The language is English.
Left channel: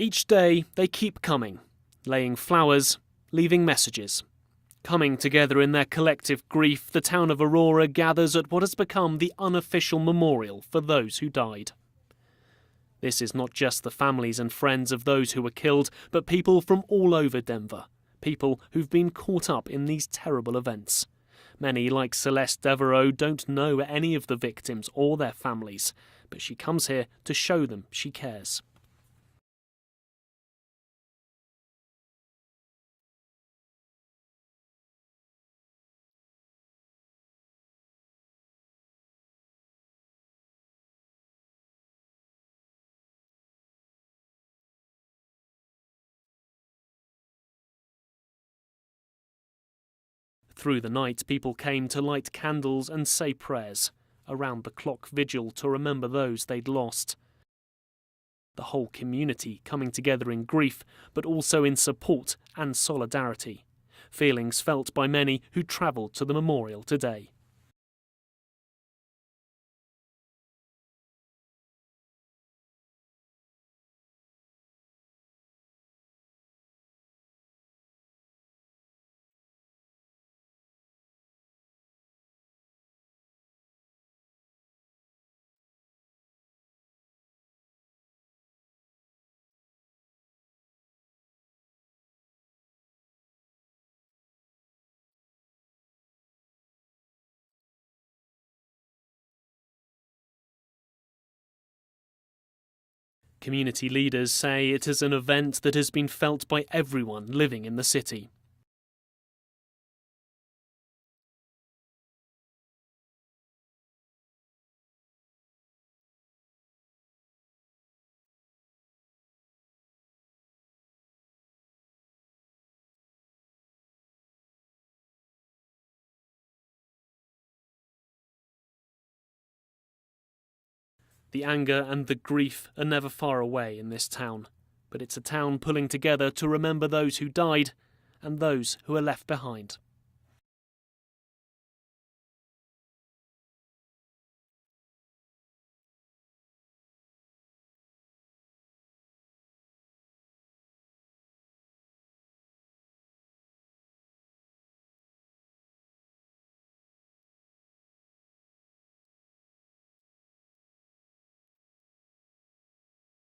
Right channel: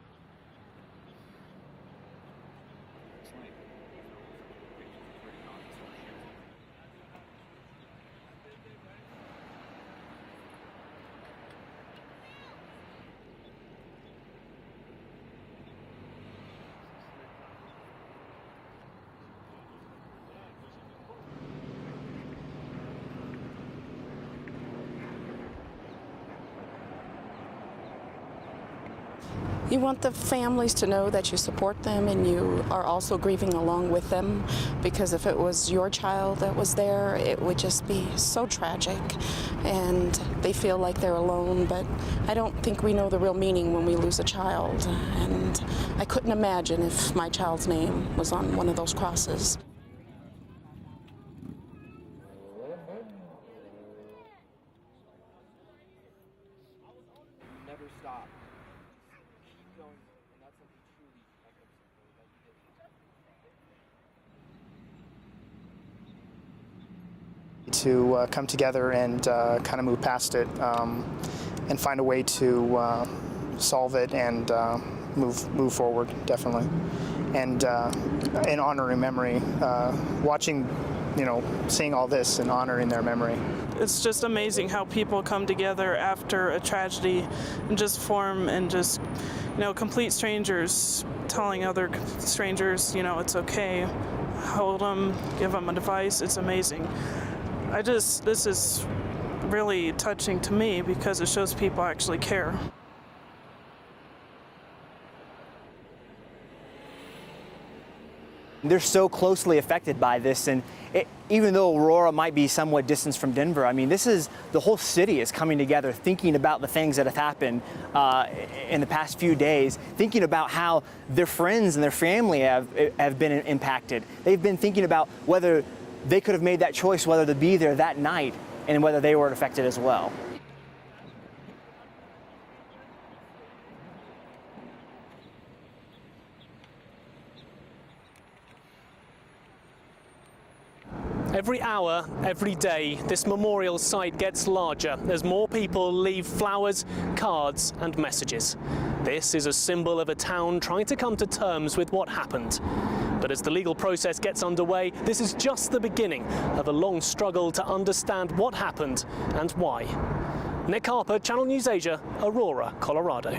Each day they keep coming, laying flowers, leaving messages. Coming together in their collective grief, the town of Aurora gathers at what has become the unofficial memorial for those who died. This is not just the families and friends of those who were killed, but people from all over Denver. People who've been caught up in these terrible events. Many, like Celeste Devereaux, don't know any of the victims or their families, but she comes here to show them she cares. You want the families to know that you support them and you are also grieving along with them, because if it was your child that was there, it would just be so tragic and they feel like they're alone. But I don't think we know the real meaning when we lose a child, and I couldn't imagine if my child's name was on one of those crosses. Through the night, people came to light candles and say prayers, around the clock vigil to remember those they'd lost. The whole community coming together in grief, but also in support and solidarity. Feelings felt by many who travelled to the memorial today. To come together and kind of move past it and find a way to solve it and move forward, definitely. And in honoring memory, watching, seeing all this and honoring their memory. It's just amazing how people come together after a tragedy and just form and just, complete strangers telling other strangers, it's okay, hold them, give them advice. It's amazing. This is really touching to me because it shows people actually care. Community leaders say it is an event that has been felt by everyone living in the city. They're so closely affected by this, and even though Aurora might be somewhat distanced from Denver, the whole city is coming together, thinking about the things that have happened in the past few days, thinking about how their friends and their family have been impacted. They've been thinking about whether they could have made that choice, whether to be there that night, and whether they were affected as well. The anger and the grief are never far away in this town, but it's a town pulling together to remember those who died and those who are left behind. Every hour, every day, this memorial site gets larger as more people leave flowers, cards and messages. This is a symbol of a town trying to come to terms with what happened. But as the legal process gets underway, this is just the beginning of a long struggle to understand what happened and why. Nick Harper, Channel News Asia, Aurora, Colorado.